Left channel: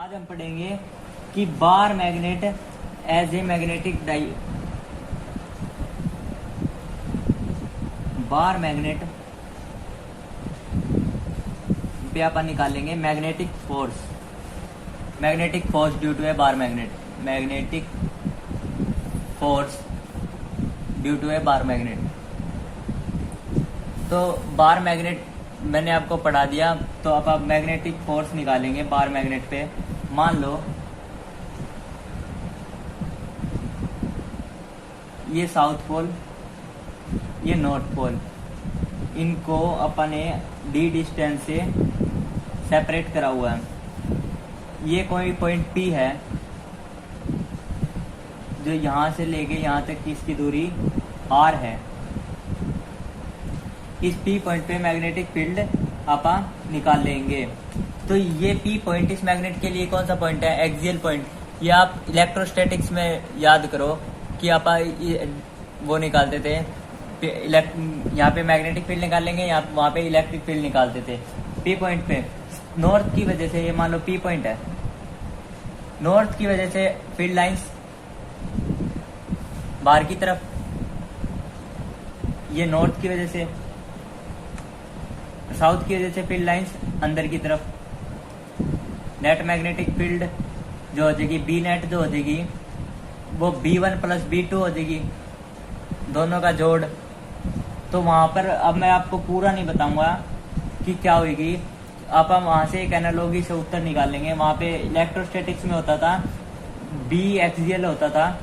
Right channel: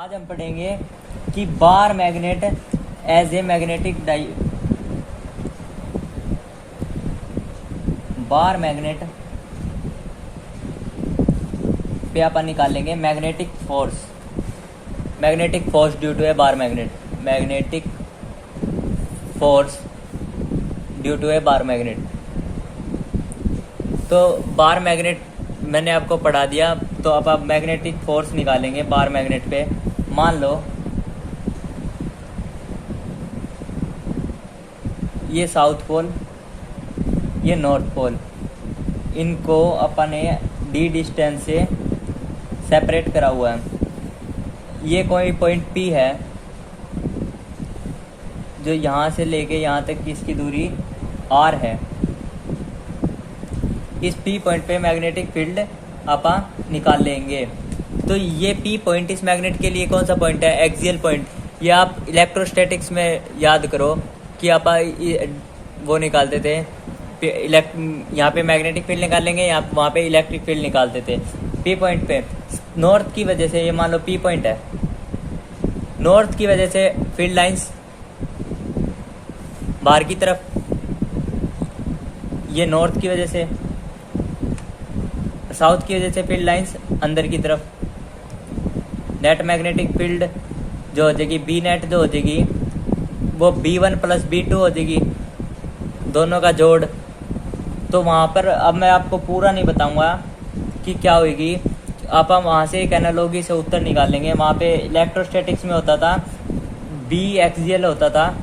आज हम पढ़ेंगे कि bar magnet as a magnetic डाई बार मैग्नेट पे अपन निकालेंगे magnetic force due to a bar magnetic force due to a bar magnet. तो बार मैग्नेट मैंने आपको पढ़ा दिया, तो अब आप मैग्नेटिक फोर्स निकालेंगे बार मैग्नेट पे। मान लो ये साउथ पोल, ये नॉर्थ पोल, इनको अपन ने डी डिस्टेंस से सेपरेट करा हुआ है। ये कोई पॉइंट P है जो यहाँ से लेके यहाँ तक की इसकी दूरी R है। इस P पॉइंट पे मैग्नेटिक फील्ड अपन निकाल लेंगे। तो ये P पॉइंट इस मैग्नेट के लिए कौन सा पॉइंट है? Axial point. ये आप इलेक्ट्रोस्टैटिक्स में याद करो कि आप वो निकालते थे, यहाँ पे मैग्नेटिक फील्ड निकालेंगे, यहाँ वहाँ पे इलेक्ट्रिक फील्ड निकालते थे। P पॉइंट पे नॉर्थ की वजह से, ये मान लो P पॉइंट है, नॉर्थ की वजह से फील्ड लाइंस बाहर की तरफ, ये नॉर्थ की वजह से, साउथ की वजह से फील्ड लाइंस अंदर की तरफ। नेट मैग्नेटिक फील्ड जो हो जाएगी बी नेट, जो हो जाएगी वो B1 प्लस B2 हो जाएगी, दोनों का जोड़। तो वहाँ पर अब मैं आपको पूरा नहीं बताऊंगा कि क्या होगी, आप हम वहाँ से एक एनालॉजी से उत्तर निकालेंगे। वहाँ पे इलेक्ट्रोस्टैटिक्स में होता था B एक्सियल होता था,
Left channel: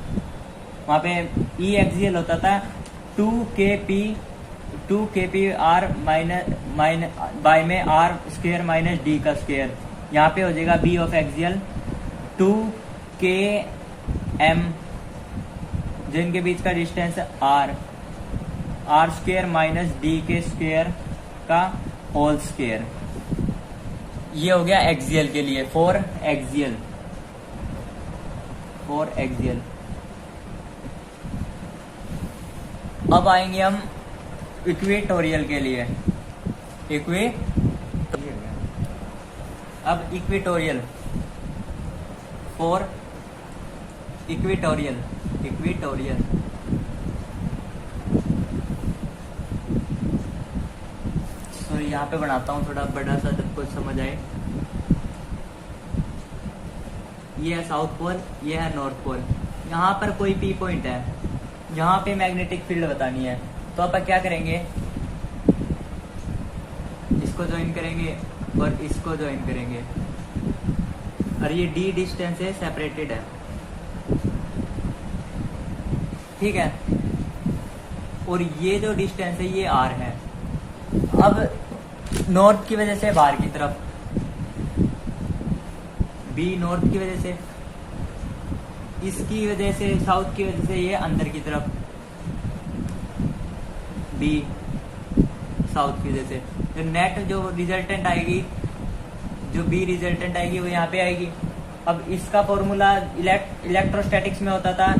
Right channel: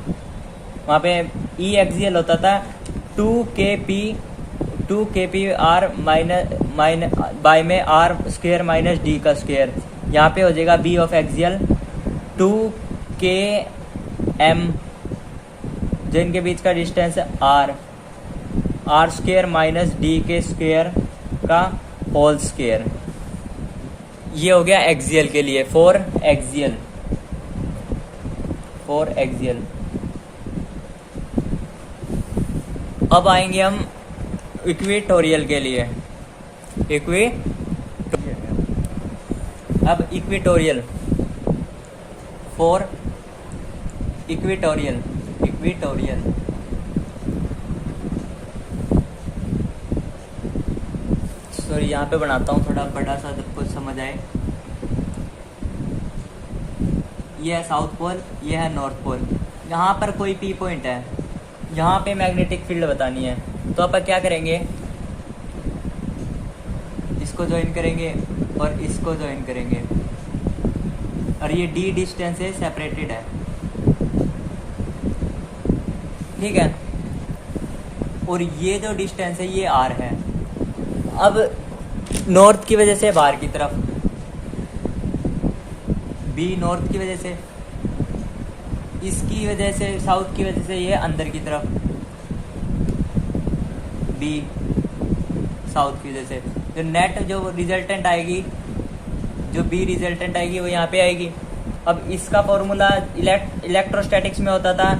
वहाँ पे E एक्सियल होता था 2kp r माइनस बाय में r स्क्वायर माइनस d का स्क्वायर। यहाँ पे हो जाएगा B ऑफ एक्सियल 2km, जो इनके बीच का डिस्टेंस है r स्क्वायर माइनस d के स्क्वायर का होल स्क्वायर। ये हो गया एक्सियल के लिए, फॉर एक्सियल। अब आएंगे हम इक्वेटोरियल के लिए। अब इक्वेटोरियल, फॉर इक्वेटोरियल सॉरी, यहाँ पे बनाता हूँ थोड़ा बड़ा सा, कुछ समझ आए। ये है साउथ पोल, ये है नॉर्थ पोल। यहाँ पर कोई P पॉइंट है, यहाँ पे मैग्नेटिक फील्ड बतानी है। तो अपन क्या करेंगे, इसको ज्वाइन करेंगे और इसको ज्वाइन करेंगे, और ये D डिस्टेंस से सेपरेटेड है, ठीक है। और ये जो डिस्टेंस है ये R है। अब नॉर्थ की वजह से बाहर की तरफ, B नॉर्थ की वजह से, इसकी वजह से साउथ की वजह से ये अंदर की तरफ, B साउथ की वजह से। जो नेट जो रिजल्टेंट आएगी, जो B रिजल्टेंट आएगी वो यहाँ पे आएगी। अब इसका फॉर्मूला इलेक्ट्रोस्टैटिक्स में होता था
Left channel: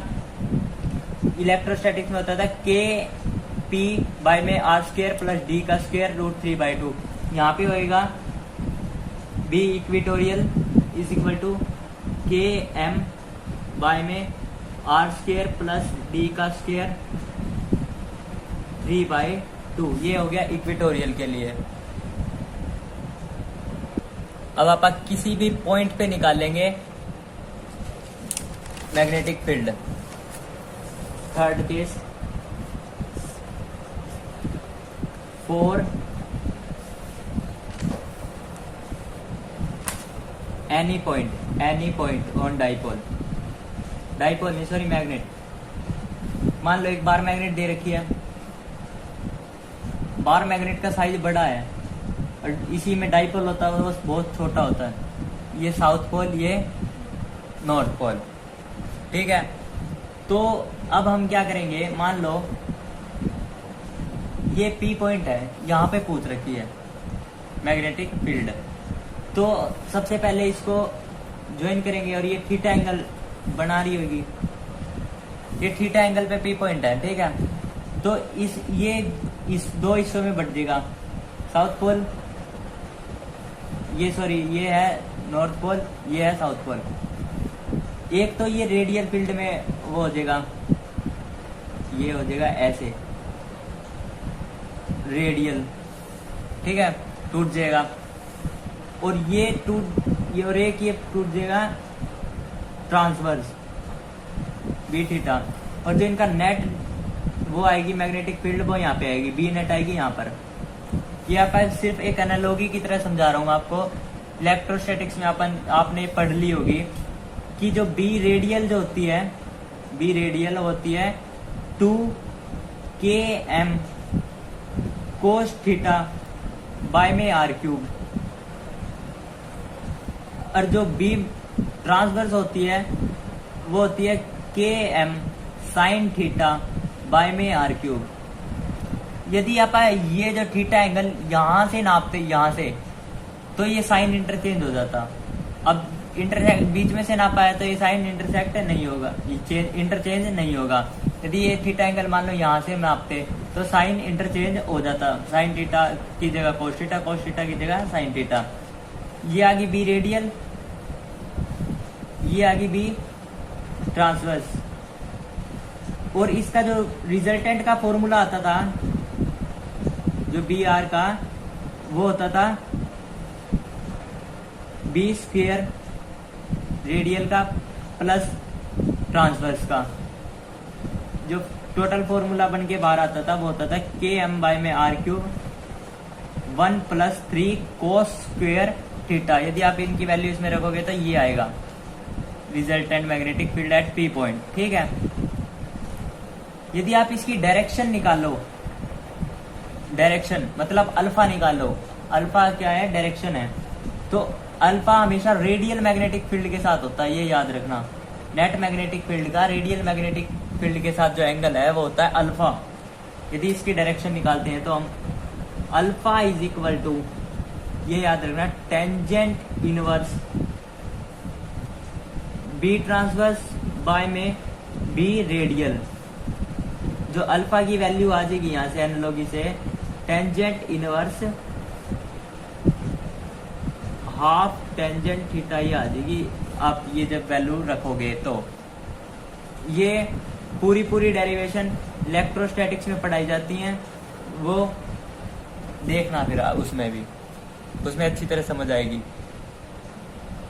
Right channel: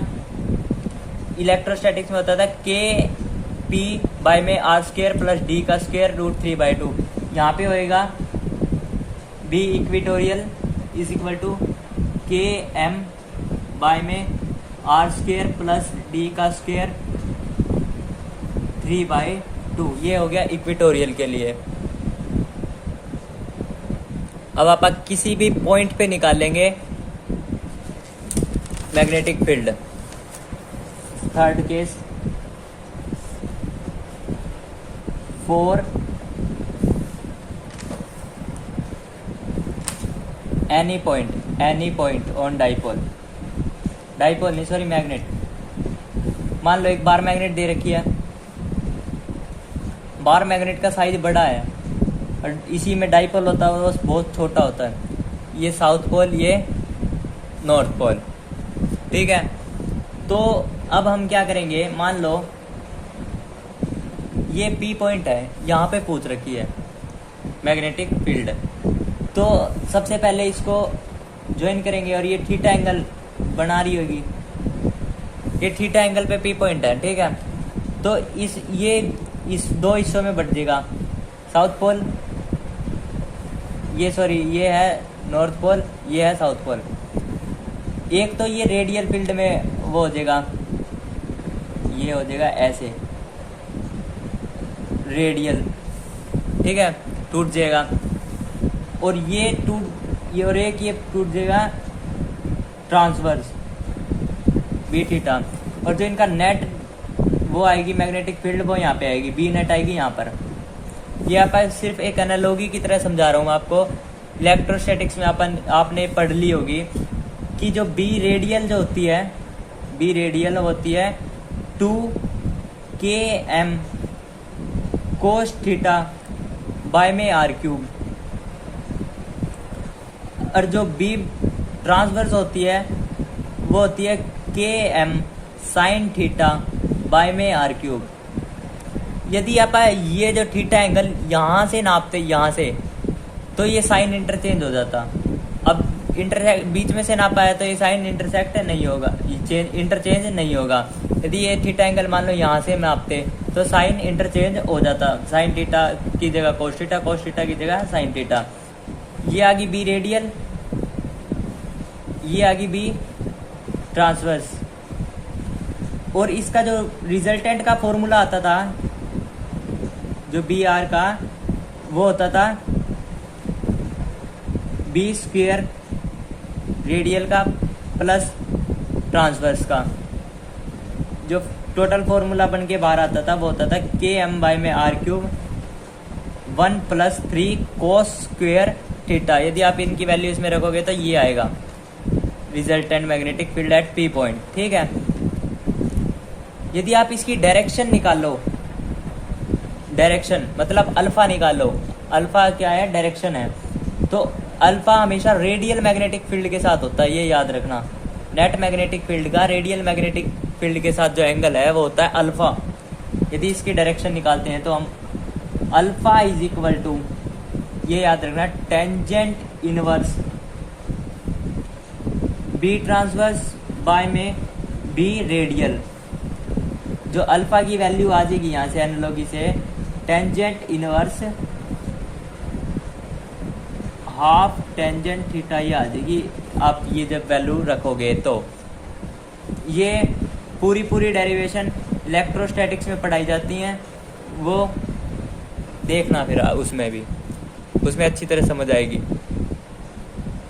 Kp बाय में r स्क्वायर प्लस d का स्क्वायर √3/2। यहाँ पे होएगा B equatorial is equal to Km by में r स्क्वायर प्लस d का स्क्वायर 3/2। ये हो गया इक्वेटोरियल के लिए। अब आप किसी भी पॉइंट पे निकालेंगे magnetic field. Third case, for any point on dipole नहीं सॉरी मैग्नेट। मान लो एक बार मैग्नेट दे रखी है, बार मैग्नेट का साइज बड़ा है और इसी में डाइपोल होता है वो बहुत छोटा होता है। ये साउथ पोल, ये नॉर्थ पोल, ठीक है। तो अब हम क्या करेंगे, मान लो ये P पॉइंट है, यहाँ पे पूछ रखी है मैग्नेटिक फील्ड। तो सबसे पहले इसको ज्वाइन करेंगे और ये थीटा एंगल बना रही होगी, ये थीटा एंगल पे P पॉइंट है, ठीक है। तो इस दो हिस्सों में बट जाएगा। साउथ पोल ये है नॉर्थ पोल, ये है साउथ पोल। एक तो ये रेडियल फील्ड में वो हो जाएगा, ये हो जाएगा ऐसे रेडियल, ठीक है, टूट जाएगा। और ये और एक ये टूट जाएगा ट्रांसवर्स बी थीटा। और जो इनका नेट वो आएगी मैग्नेटिक फील्ड, वो यहाँ पे आएगी, बी नेट आएगी यहाँ पर। ये आप सिर्फ एक एनालॉजी की तरह समझा रहा हूँ आपको। इलेक्ट्रोस्टैटिक्स में आपने पढ़ ली होगी कि जो बी रेडियल जो होती है, बी रेडियल होती है 2km कोस थीटा बाय में आर क्यूब। और जो बी ट्रांसवर्स होती है वो होती है km साइन थीटा बाय में आर क्यूब। यदि आप ये जो थीटा एंगल यहां से नापते यहाँ से, तो ये साइन इंटरचेंज हो जाता। अब इंटरसेक्ट बीच में से नापा है तो ये साइन इंटरसेक्ट नहीं होगा, इंटरचेंज नहीं होगा। यदि ये थीटा एंगल मान लो यहाँ से नापते तो साइन इंटरचेंज हो जाता, साइन थीटा की जगह कोस थीटा, कोस थीटा की जगह साइन थीटा। ये आ गई बी रेडियल, ये आ गई बी ट्रांसवर्स। और इसका जो रिजल्टेंट का फॉर्मूला आता था जो बी आर का, वो होता था बी स्क्वेयर रेडियल का प्लस ट्रांसवर्स का। जो टोटल फॉर्मूला बन के बाहर आता था वो होता था km बाय में R cube 1 + 3 cos square theta. यदि आप इनकी वैल्यू इसमें रखोगे तो ये आएगा resultant magnetic field at P point, ठीक है। यदि आप इसकी डायरेक्शन निकालो, डायरेक्शन मतलब अल्फा निकालो, अल्फा क्या है, डायरेक्शन है, तो अल्फा हमेशा रेडियल मैग्नेटिक फील्ड के साथ होता है, ये याद रखना। नेट मैग्नेटिक फील्ड का रेडियल मैग्नेटिक फील्ड के साथ जो एंगल है वो होता है अल्फा। यदि इसकी डायरेक्शन निकालते हैं तो हम अल्फा इज इक्वल टू, ये याद रखना, tangent inverse B transverse by में बी रेडियल। जो अल्फा की वैल्यू आ जाएगी यहाँ से एनालॉजी से, tangent inverse half tangent theta ही आ जाएगी। आप ये जब वैल्यू रखोगे तो ये पूरी डेरिवेशन इलेक्ट्रोस्टैटिक्स में पढ़ाई जाती हैं, वो देखना फिर उसमें भी, उसमें अच्छी तरह समझ आएगी।